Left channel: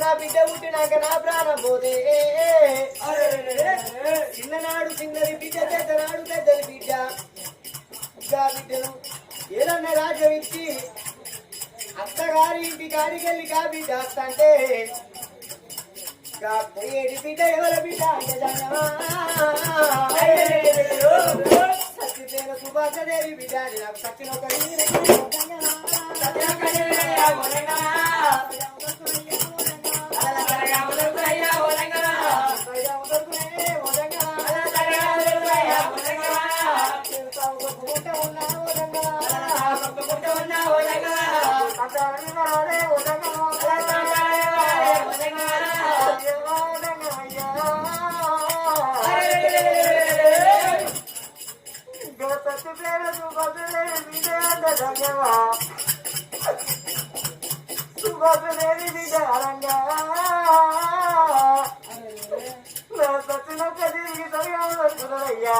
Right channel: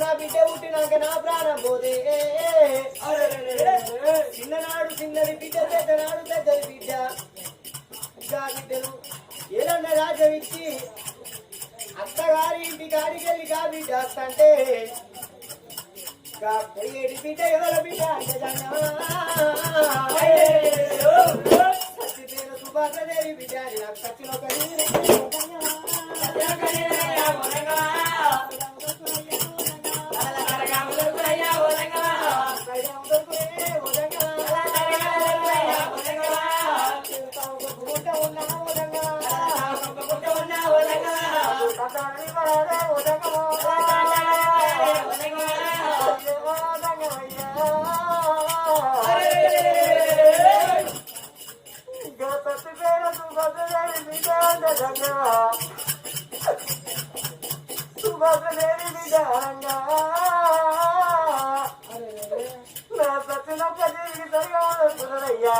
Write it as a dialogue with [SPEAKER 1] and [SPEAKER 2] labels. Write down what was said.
[SPEAKER 1] నా బిడ్డ పుట్టినాక నా ప్రాణం పోతే. చిన్ననాడు చిన్నది బిడ్డ పెద్దనాడు పెద్దది బిడ్డ. ఇంకా బిడ్డను ఏదన్నా రాజ్యం ఇచ్చి అత్తగారి ఇంటి గారికి వెళ్ళి కా బిడ్డ అంటే పోయేటి బిడ్డ ఎవరి బిడ్డ అంటే పేరు సుభాషదేవి బిడ్డ అని నాకు సత్యం ఒక అయ్యా